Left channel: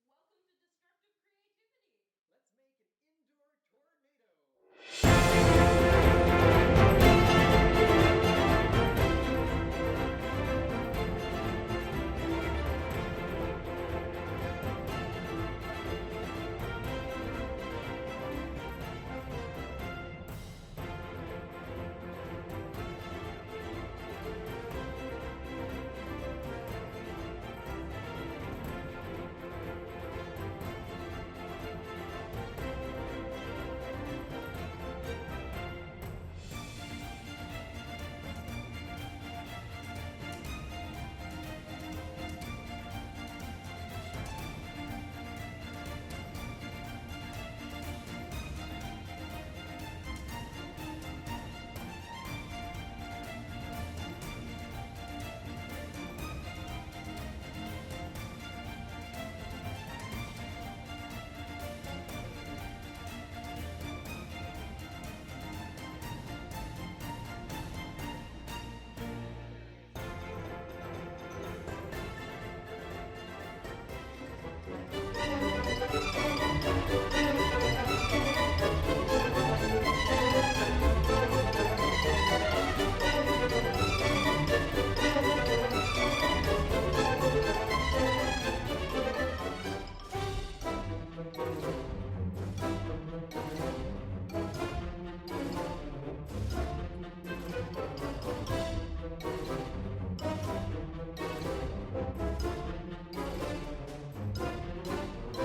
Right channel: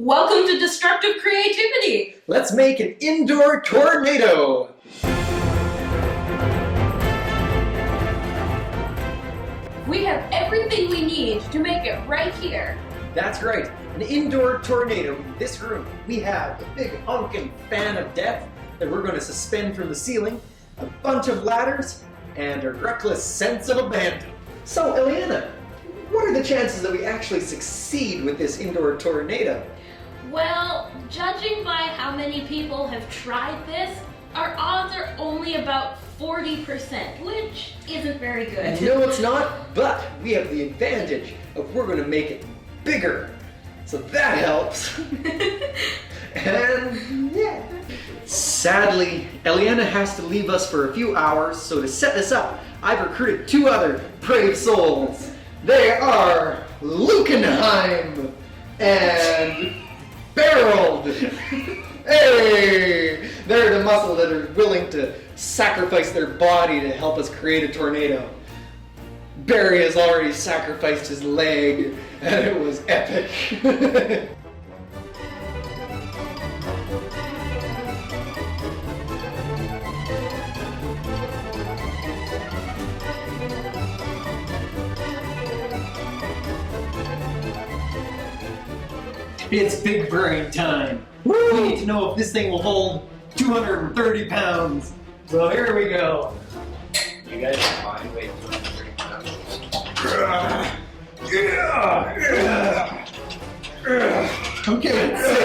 Welcome to Destructive Creativity! Let's make an indoor tornado! We have everything we need to make it right here. That's right, an indoor tornado. In this room, we have a big honking fan of death that we're going to suspend from the ceiling, a bunch of ladders, and a reckless sense of abandon. So, Eliana, what are the chances that we actually succeed with this indoor tornado? Well, judging by how many people have tried this, our odds are only about 40%, which isn't very good. No, it's not, but we have the advantage of we're going to make it bigger. So that helps. And yeah. Sadly, Eliana has to leave us for a few hours, so to set this up, I've recruited two other brave souls. They are Lukenheim and Barreled. Hey! They're the muscle that are willing to sacrifice their body to help us create a tornado. Barry has already sacrificed his leg, and it was epic. It's big brain time. Woo! We need to know if this thing will hold 230 pounds. So here we go. You guys are fine. Wait. Okay, let's see.